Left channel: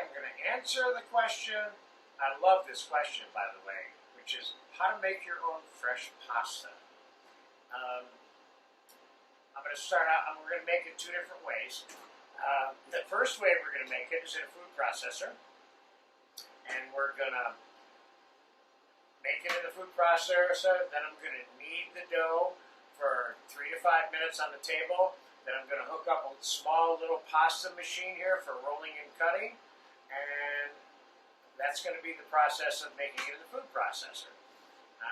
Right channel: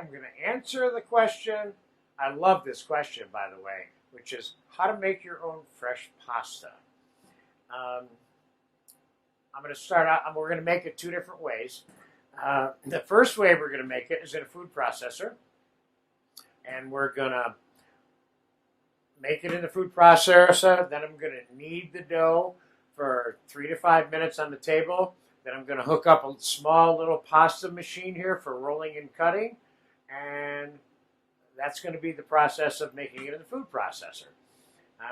I'm going to answer the question. I love this question, by the way, which is how to make your own fresh pasta. I'm going to start out, we're going to make it two different ways. The first way we're going to make it is in a food processor. And we're going to make it in the food processor. Then I'm going to knead the dough for 3 to 5 minutes on the table. Then I'm going to hook up a small little pasta machine here for rolling and cutting. And that's going to be the process of making it in the food processor.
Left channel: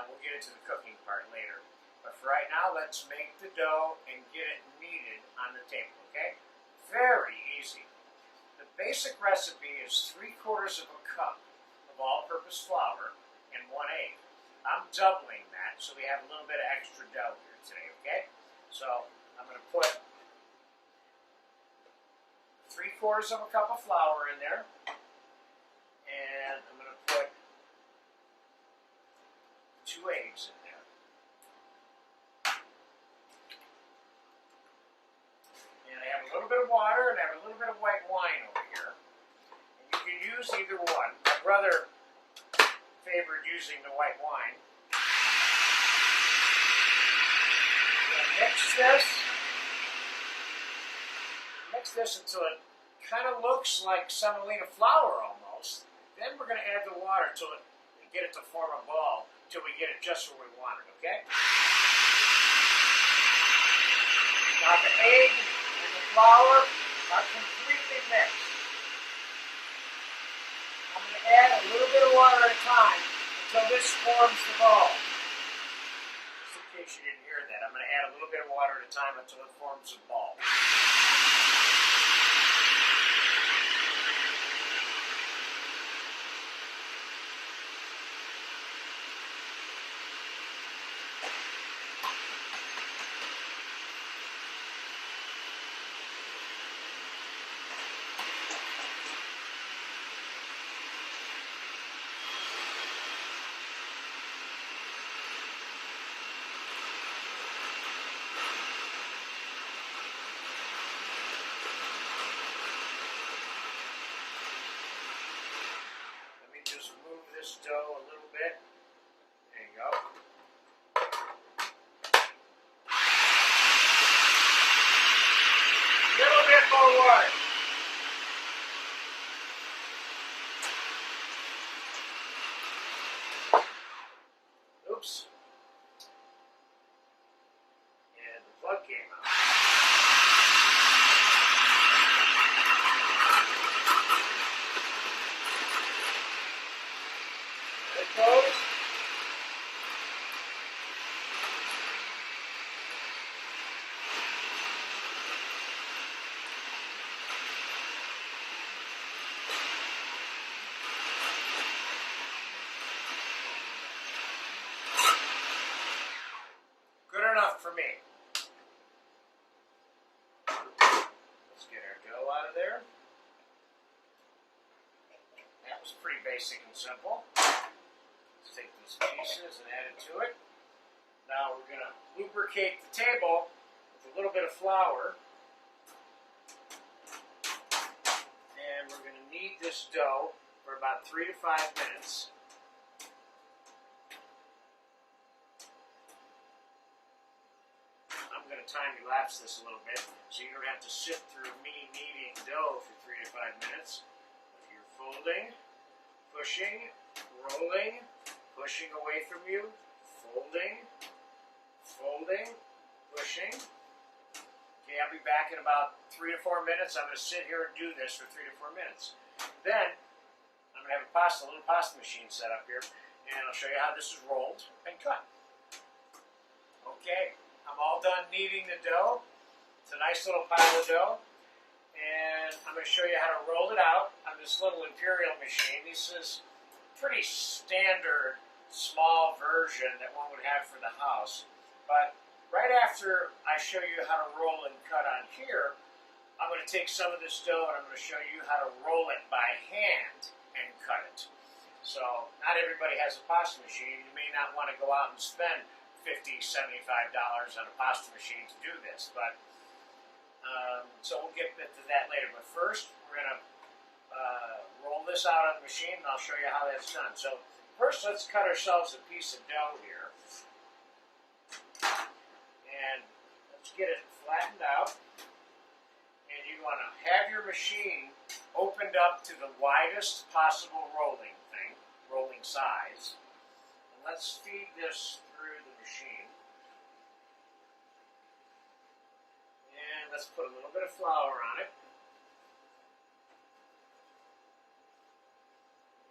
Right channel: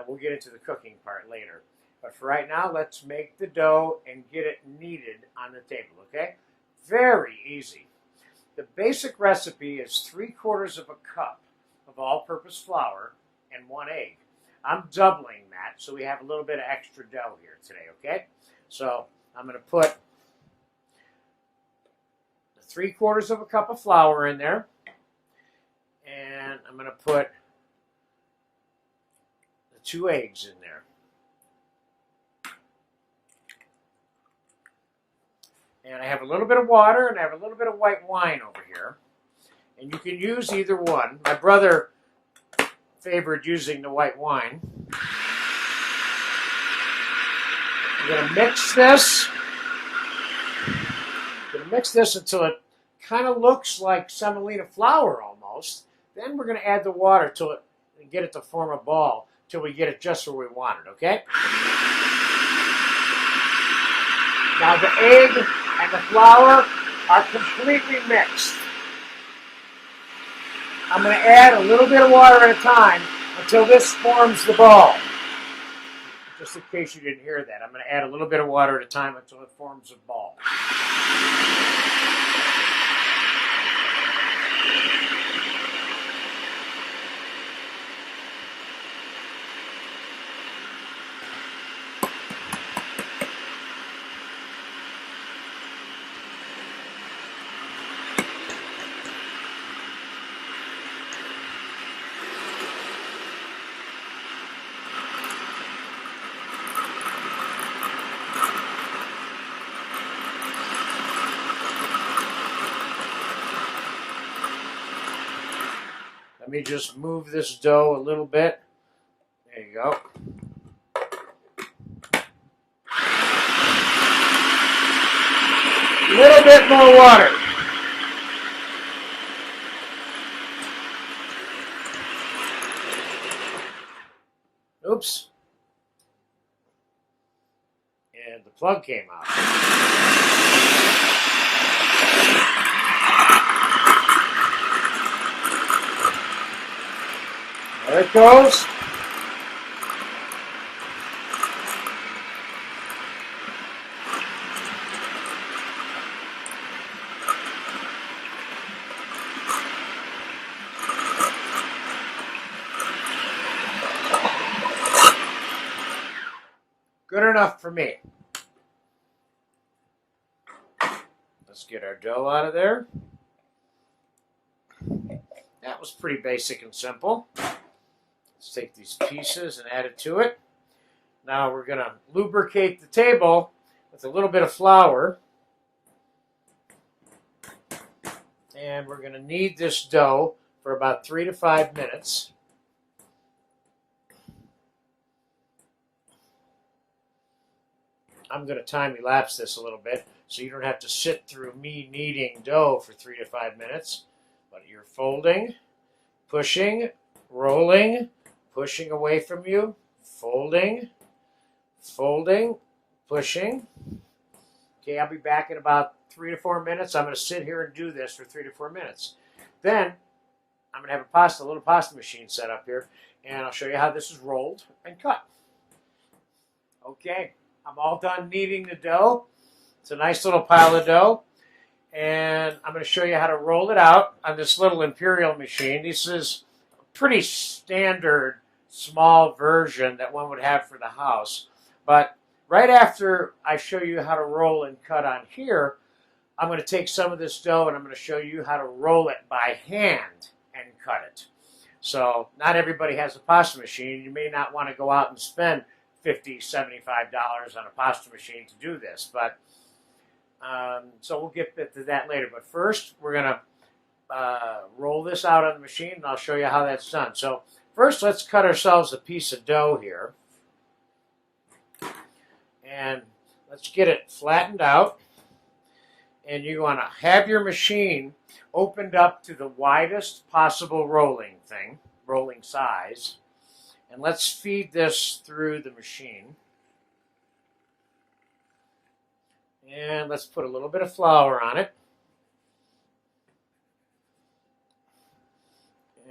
We'll get into the cooking part later. But for right now, let's make the dough and get it kneaded on the table, okay? Very easy. The basic recipe is 3/4 of a cup of all-purpose flour and 1 egg. I'm doubling that, so we have a little bit of extra dough here today, okay? So I'm going to put 3/4 of a cup of flour in there, and I'm going to put the 2 eggs in there. And I have a little bit of water, and I have a little bit of white wine over here. And you can use either one. My brother favored using the white wine. I'm going to mix this. I'm going to mix this until it kind of looks like semolina flour almost. Then we're going to add the water till it and get it to form a ball till we get it just where we want it, okay? Now the egg and the flour are completely mixed. I'm going to add a little bit of water at a time until this forms the ball. Just in case you didn't hear that, I'm going to add a little bit of water at a time until it forms a ball. Let me just move this dough a little bit. There you go. A little bit more water. Oops. And the plug came out. There it goes. Good enough for me. Let's get our dough out of there. That was pretty basic and simple. Let's take these pieces and add it to it. Now we're going to lubricate the table with a little bit of flour. And we're going to knead this dough for about 3 to 5 minutes. I'm going to time-elapse this a little bit so you don't have to sit through me kneading dough for 3 to 5 minutes. But you're folding, pushing, rolling, pushing away from you, folding, folding, pushing. Okay, I'll be back in about 3 to 4 minutes. I'm going to sit here and do this for 3 to 4 minutes. Then I'm going to have a little pasta machine set up here, and I'll show you how this is rolled and cut. Okay, I'm all done kneading the dough. It's a nice little pile of dough. And I'm going to show you how to roll it out on this little Imperial machine. This is a pretty standard small version that one would have for the house. But right after I show you how to roll and cut on here, I'm going to take some of this dough and I'm going to show you how to roll it by hand and cut it. So not everybody has a pasta machine. You may not want to go out and spend $50, $75 on a pasta machine to do this. But so we'll get to that later. But first, we're going to this out on the machine and I'll show you how that's done. So first let's cut ourselves a piece of dough here. And let's get it flattened out. And you want to have your machine opened up to the widest possible rolling size. And let's feed this through the machine. And let's put a little bit of flour on it.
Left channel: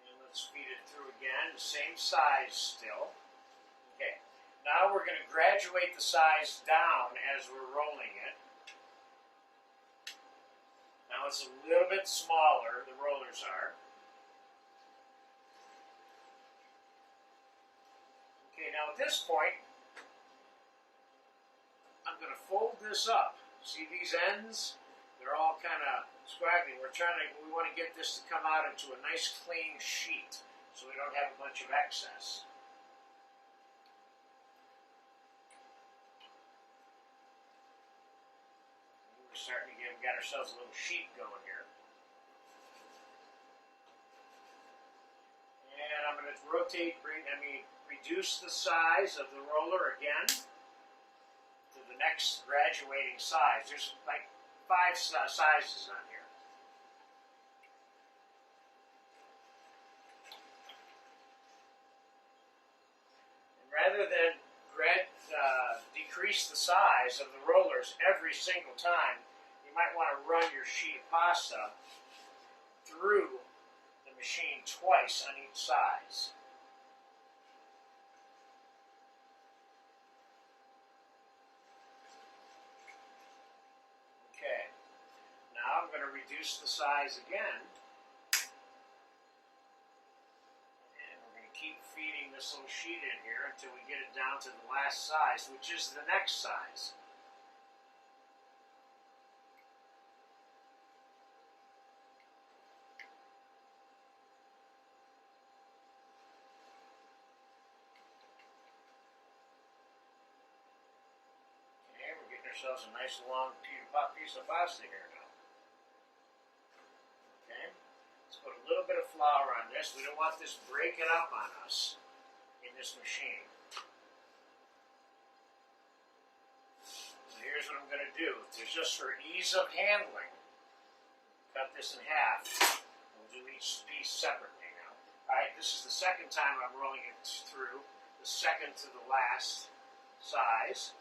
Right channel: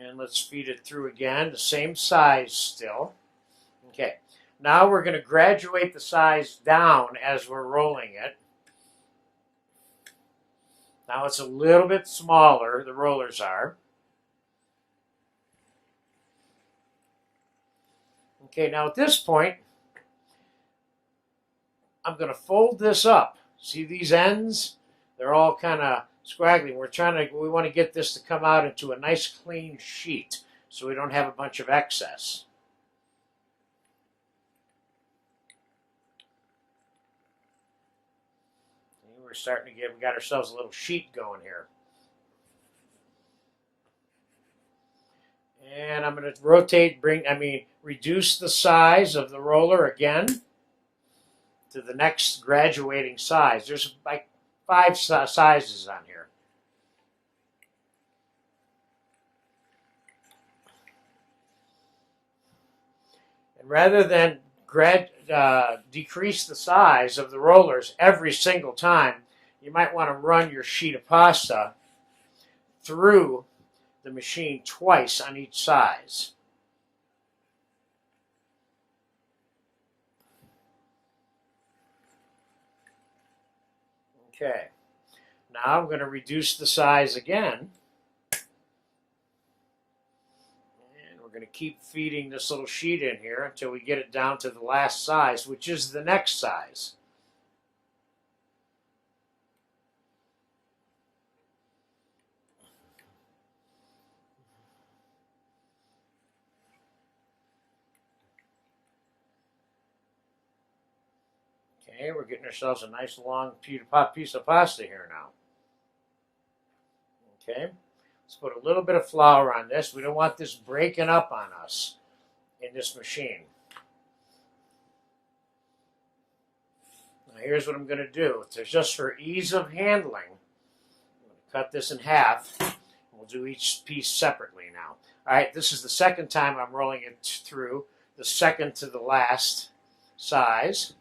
And let's feed it through again, the same size still. Okay, now we're going to graduate the size down as we're rolling it. Now it's a little bit smaller, the rollers are. Okay, now at this point, I'm going to fold this up. See these ends? They're all kind of scraggly. We want to get this to come out into a nice clean sheet so we don't have a bunch of excess. And we're starting to we got ourselves a little sheet going here. And I'm going to reduce the size of the roller again to the next graduating size. There's like 5 sizes on here. And rather than decrease the size of the rollers every single time, you might want to run your sheet of pasta through the machine twice on each size. Okay, now I'm going to reduce the size again. And we're going to keep feeding this little sheet in here until we get it down to the last size, which is the next size. Okay, we're getting ourselves a nice long piece of pasta here now. Okay, let's put a little bit of flour on this. We don't want this breaking up on us in this machine. Now here's what I'm going to do. Just for ease of handling, I'm going to cut this in half. We'll do each piece separately now. All right, this is the second time I'm rolling it through, the second to the last size.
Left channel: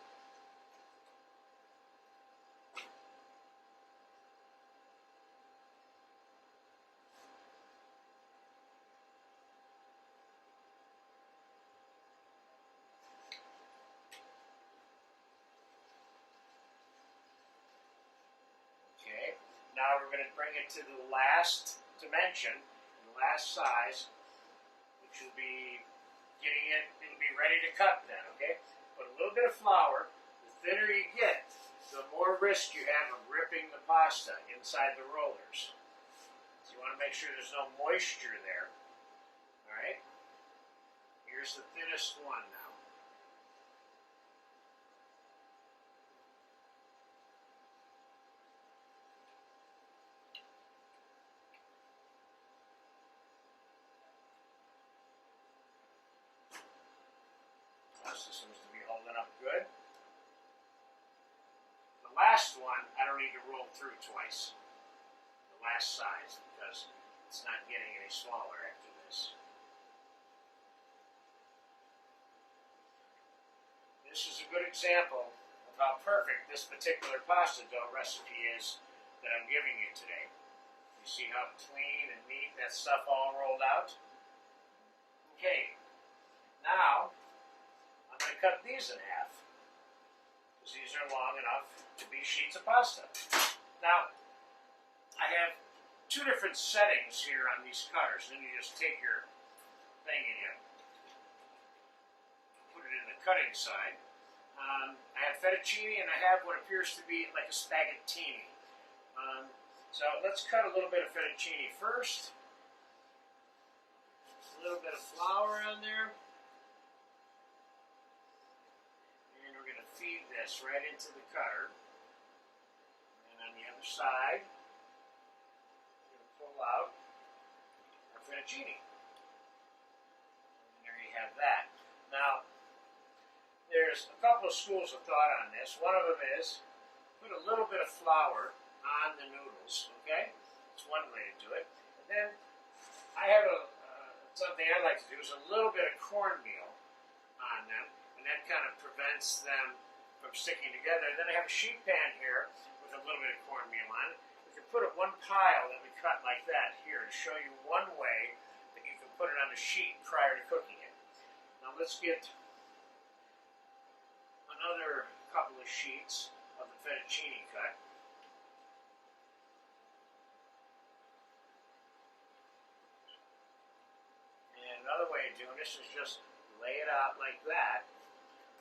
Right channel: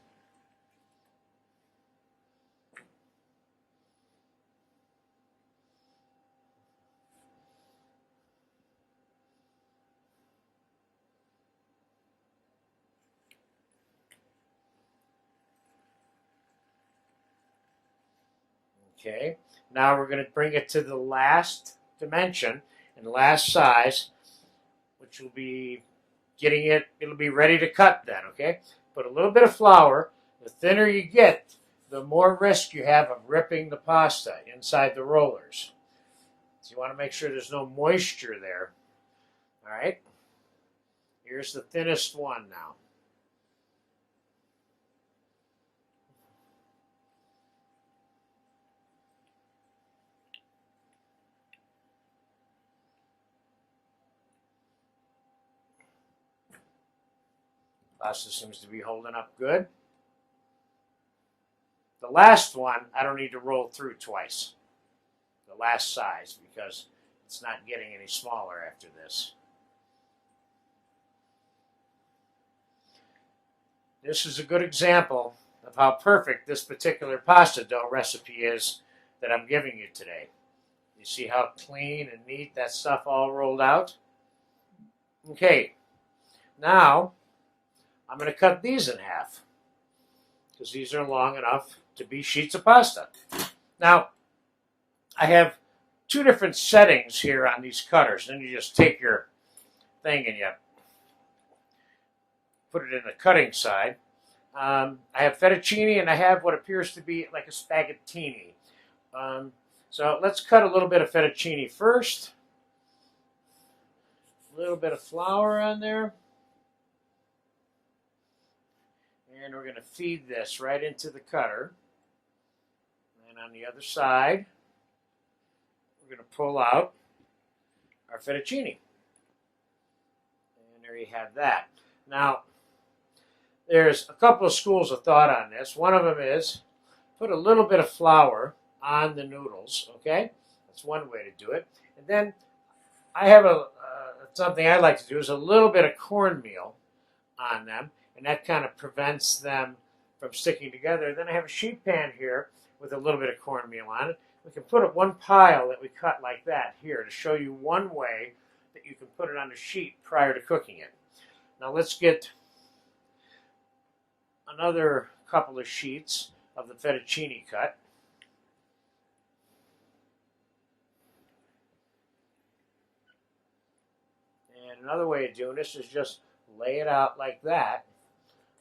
Okay, now we're going to bring it to the last dimension and last size, which will be it'll be ready to cut then, okay? Put a little bit of flour. The thinner you get, the more risk you have of ripping the pasta inside the rollers. So you want to make sure there's no moisture there. All right, here's the thinnest one now. Pasta seems to be holding up good. The last one, I don't need to roll through twice. The last size, because it's not getting any smaller after this. This is a good example of how perfect this particular pasta dough recipe is that I'm giving you today. You see how clean and neat that stuff all rolled out? Okay, now I'm going to cut these in half because these are long enough to be sheets of pasta. Now, I have 2 different settings here on these cutters. Then you just take your thing and you put it in the cutting side. I have fettuccine and I have what appears to be like a spaghettini. So let's cut a little bit of fettuccine first. A little bit of flour on there. And we're going to feed this right into the cutter. And on the other side, we're going to pull out our fettuccine. And there you have that. Now, there's a couple of schools of thought on this. One of them is put a little bit of flour on the noodles, okay? That's one way to do it. And then I have something I like to do is a little bit of cornmeal on them, and that kind of prevents them from sticking together. Then I have a sheet pan here with a little bit of cornmeal on it. We can put it one pile that we cut like that here to show you one way that you can put it on the sheet prior to cooking it. Now let's get another couple of sheets of the fettuccine cut. And another way of doing this is just lay it out like that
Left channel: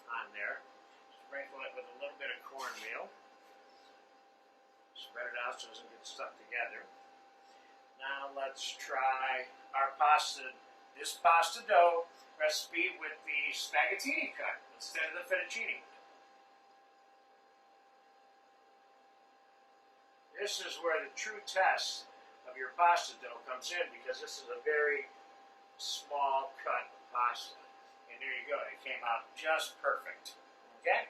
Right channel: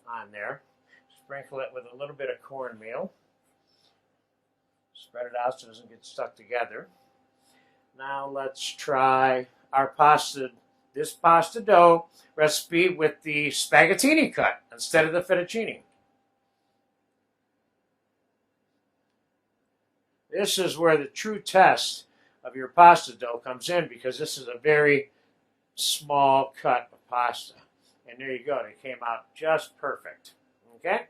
on there. Sprinkle it with a little bit of cornmeal. Spread it out so it doesn't get stuck together. Now let's try our this pasta dough recipe with the spaghettini cut instead of the fettuccine. This is where the true test of your pasta dough comes in, because this is a very small cut of pasta. And there you go, it came out just perfect. Okay?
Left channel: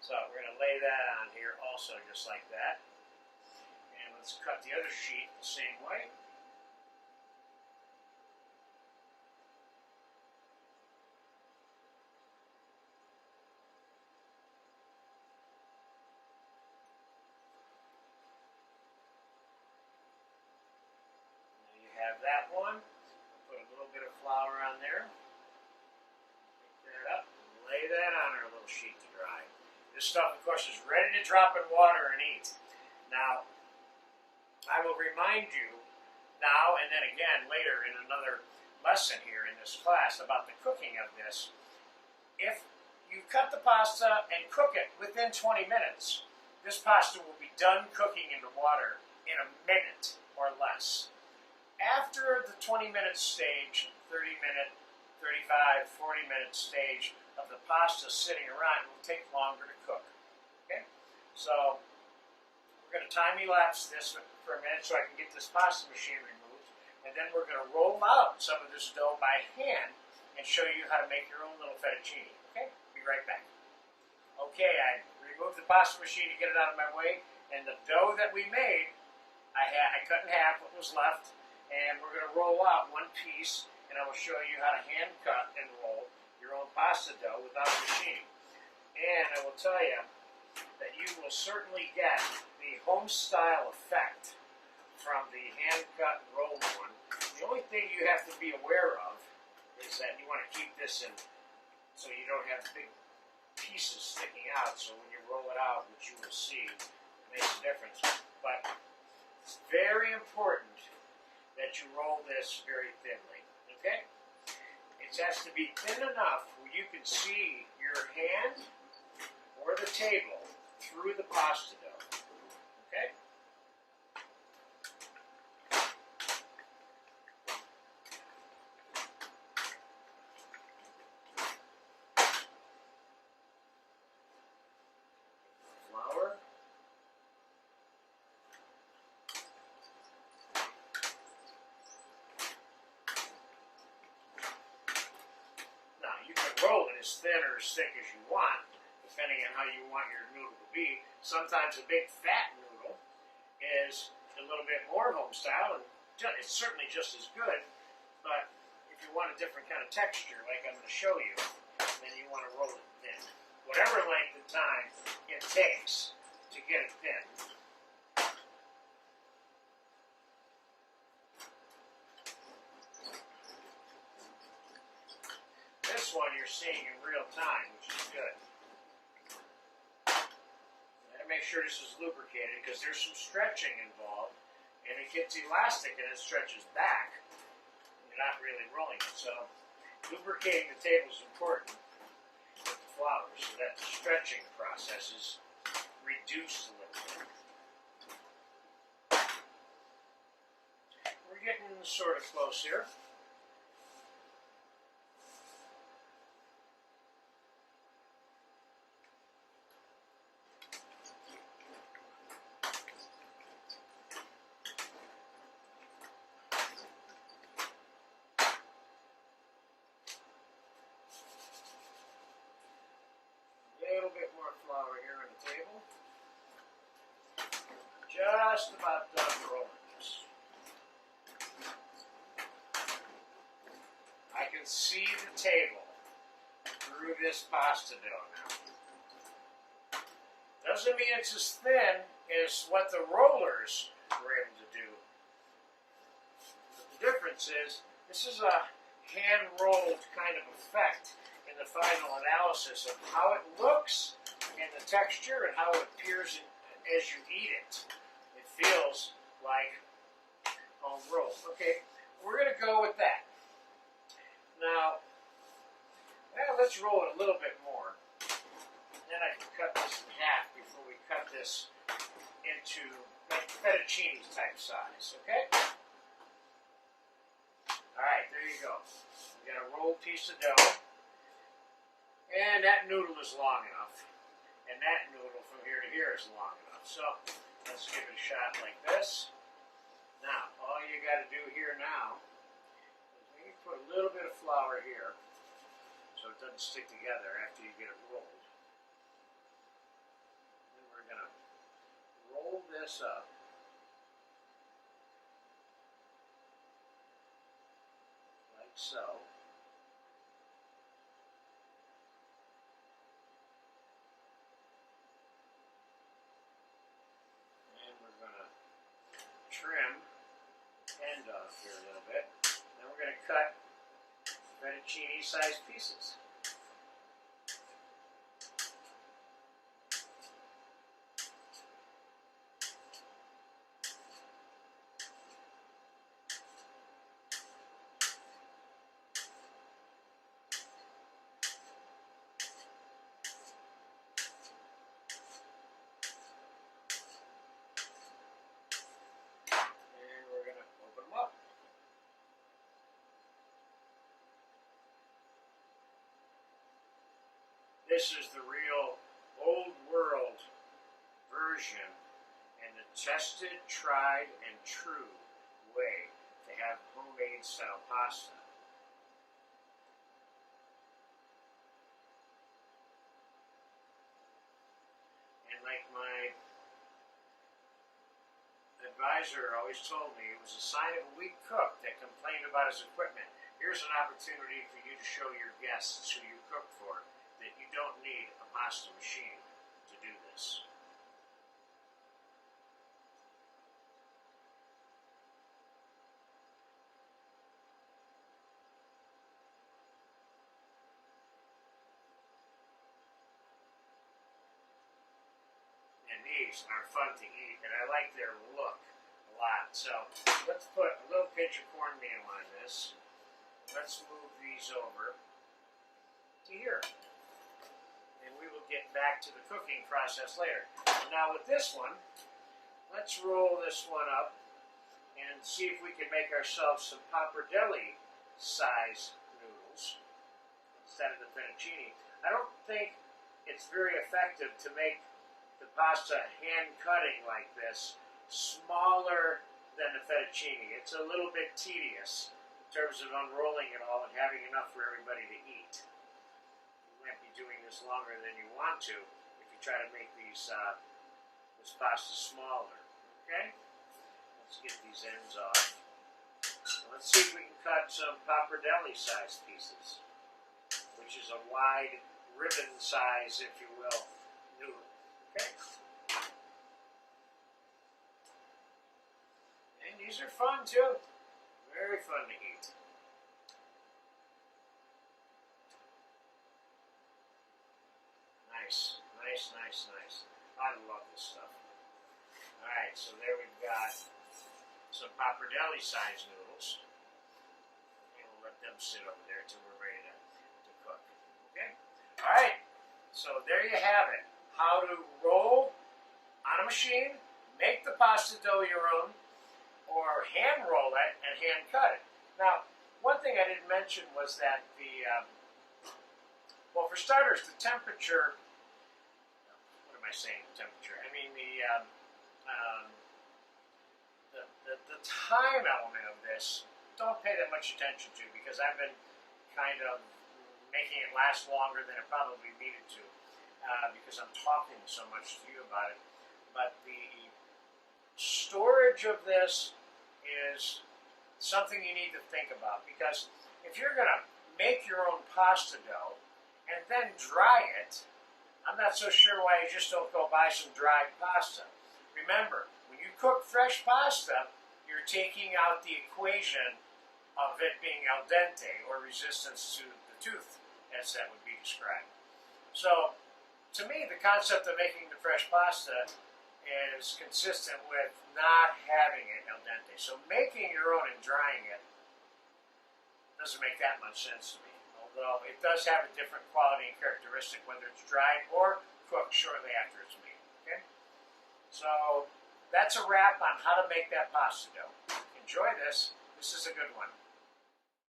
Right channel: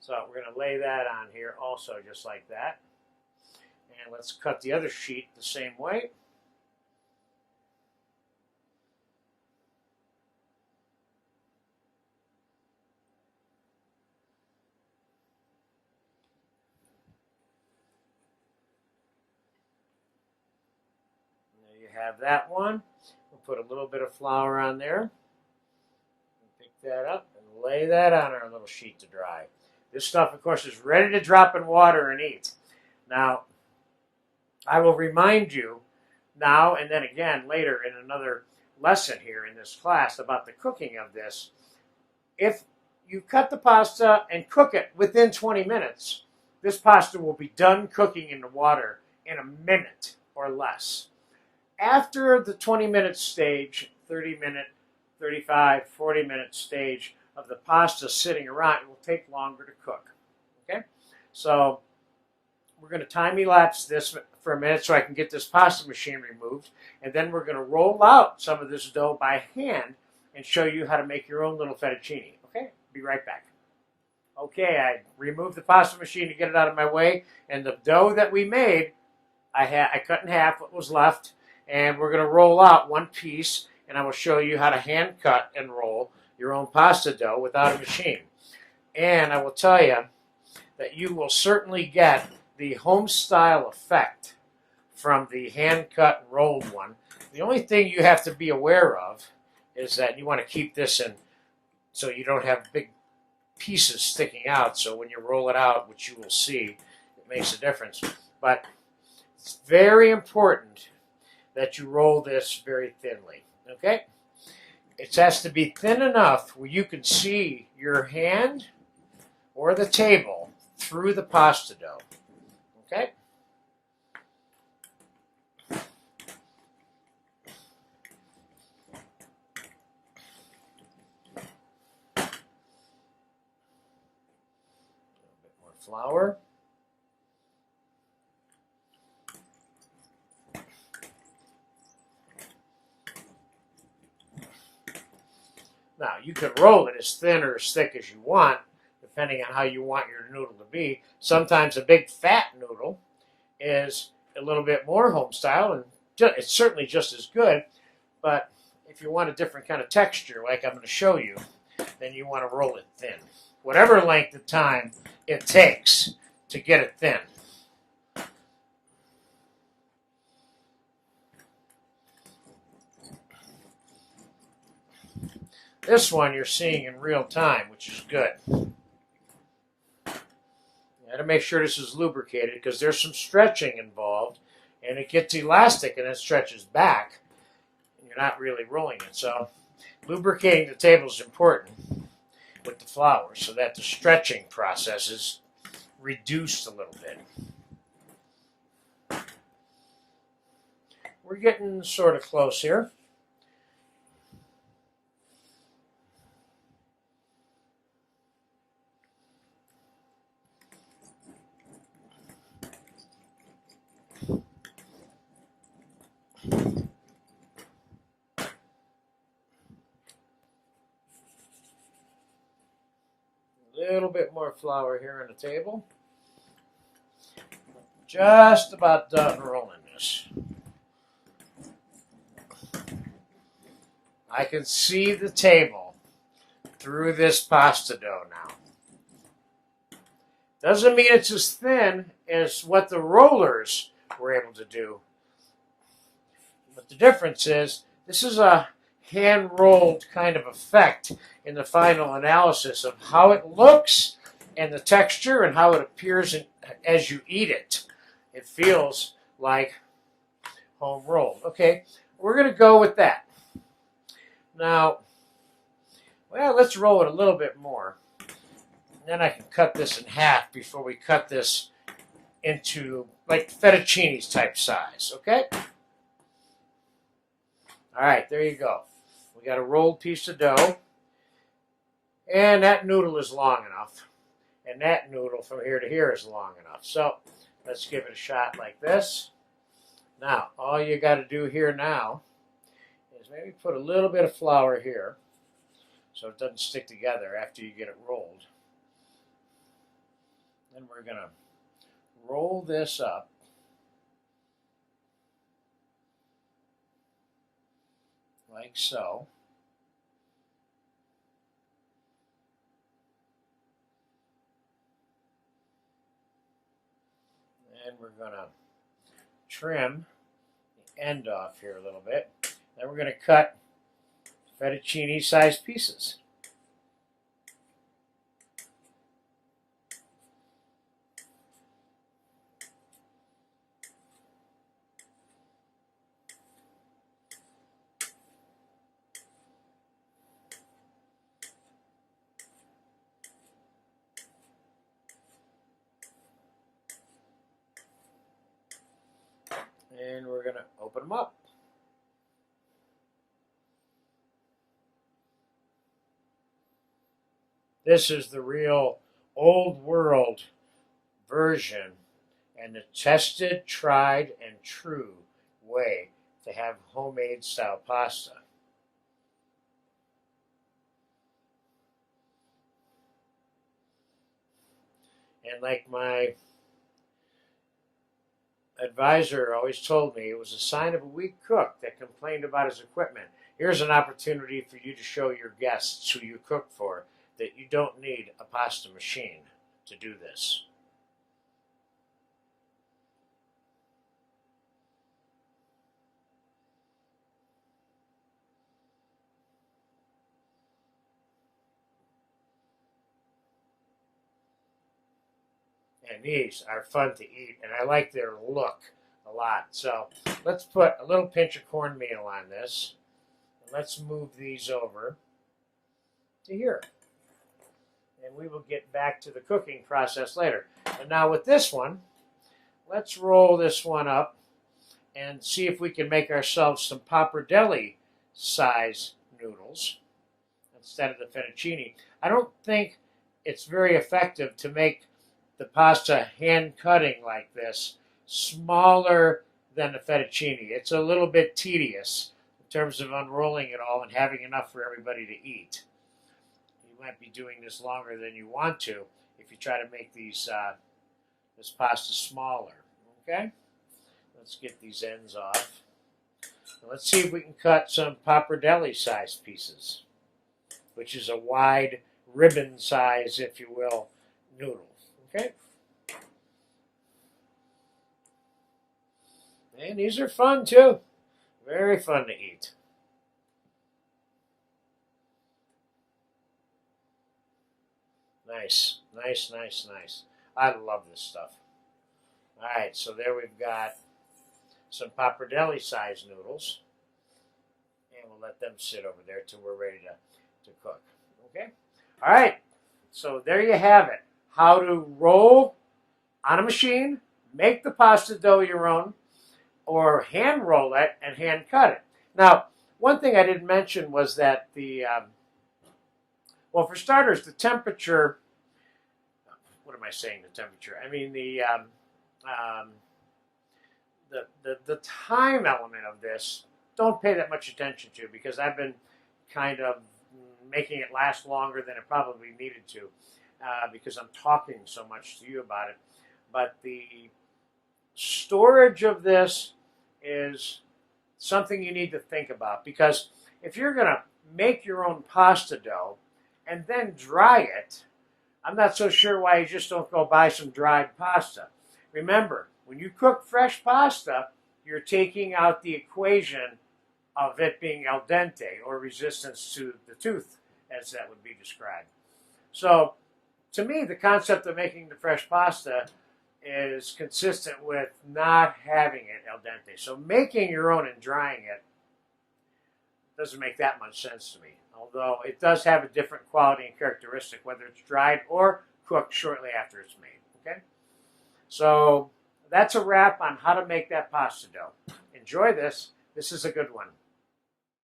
So we're going to lay that on here also just like that. And let's cut the other sheet the same way. There you have that one. We'll put a little bit of flour on there. Pick that up and lay that on our little sheet to dry. This stuff, of course, is ready to drop in water and eat. Now, I will remind you now and then again later in another lesson here in this class about the cooking of this. If you cut the pasta and cook it within 20 minutes, this pasta will be done cooking in the water in a minute or less. After the 20-minute stage, 30-minute, 35, 40-minute stage of the pasta sitting around, it will take longer to cook. Okay? So we're going to time-elapse this for a minute so I can get this pasta machine removed, and then we're going to roll out some of this dough by hand and show you how to make your own little fettuccine. Okay? Be right back. Okay, I removed the pasta machine to get it out of my way, and the dough that we made, I cut in half what was left, and we're going to roll out one piece, and I will show you how to hand cut and roll your own pasta dough without a machine. And I will tell you that you will certainly get the home style effect from the hand cut and rolled one. The only thing you have to be aware of is that you want to keep this in so you don't have big pieces sticking out, so when you roll it out, which you will see, it makes a difference. But it's very important that you roll this very thinly, okay? It has to be thin enough where you can see your hand or the table through the pasta dough, okay? Flour. Now, you can roll it as thin or as thick as you want, depending on how you want your noodle to be. Sometimes a big fat noodle is a little bit more home style, and it's certainly just as good, but if you want a different kind of texture, like I'm going to show you, then you want to roll it thin. Whatever length of time it takes to get it thin. This one you're seeing in real time, which is good. You got to make sure this is lubricated because there's some stretching involved, and it gets elastic and it stretches back. You're not really rolling it, so lubricating the table is important with the flour so that the stretching process is reduced a little bit. We're getting sort of close here. little bit more flour here on the table. Just about done rolling this. I can see the table through this pasta dough now. Doesn't mean it's as thin as what the rollers were able to do. But the difference is this is a hand-rolled kind of effect in the final analysis of how it looks and the texture and how it appears as you eat it. It feels like home rolled. Okay, we're going to go with that. Now, well, let's roll it a little bit more. Then I can cut this in half before we cut this into like fettuccine's type size, okay? All right, there you go. We got a rolled piece of dough. And that noodle is long enough. And that noodle from here to here is long enough. So let's give it a shot like this. Now, all you got to do here now is maybe put a little bit of flour here so it doesn't stick together after you get it rolled. Then we're going to roll this up. Like so. And we're going to trim the end off here a little bit. Then we're going to cut fettuccine-sized pieces. And we're going to open them up. This is the real old world version and the tested, tried, and true way to have homemade style pasta. And like my advisor always told me, it was a sign of a weak cook that complained about his equipment. Here's an opportunity for you to show your guests who you cook for that you don't need a pasta machine to do this. And these are fun to eat, and I like their look a lot. So let's put a little pinch of cornmeal on this. Let's move these over to here. And we will get back to the cooking process later. And now with this one, let's roll this one up and see if we can make ourselves some pappardelle size noodles instead of the fettuccine. I don't think it's very effective to make the pasta hand cutting like this smaller than the fettuccine. It's a little bit tedious in terms of unrolling it all and having enough for everybody to eat. You might be doing this longer than you want to if you try to make these this pasta smaller. Okay, let's get these ends off. Let's see if we can cut some pappardelle sized pieces, which is a wide ribbon size, if you will, noodle. Okay. And these are fun too. Very fun to eat. Nice, nice, nice, nice. I love this stuff. All right, so there we've got some pappardelle sized noodles. And we'll let them sit over there till we're ready to cook. Okay? All right, so there you have it. How to roll on a machine, make the pasta dough your own, or hand roll it and hand cut it. Now, one thing I didn't mention was that the, well, for starters, the temperature, what am I saying, the temperature? I mean the time element of this, don't pay that much attention to, because I've been kind of making it last longer than it probably needed to. because I'm talking so much to you about it. But the storage of this is something you need to think about, because if you're going to make your own pasta dough and then dry it, I'm not so sure why you just don't go buy some dried pasta. Remember, when you cook fresh pasta, you're taking out the equation of it being al dente, or resistance to the tooth, as that would be described. So, to me, the concept of making the fresh pasta is consistent with not having it al dente. So making your own and drying it doesn't make that much sense to me, although it does have a different quality and characteristic whether it's dried or cooked shortly after it's made. Okay? So that's a wrap on how to make that pasta dough. Enjoy this. This is a good one.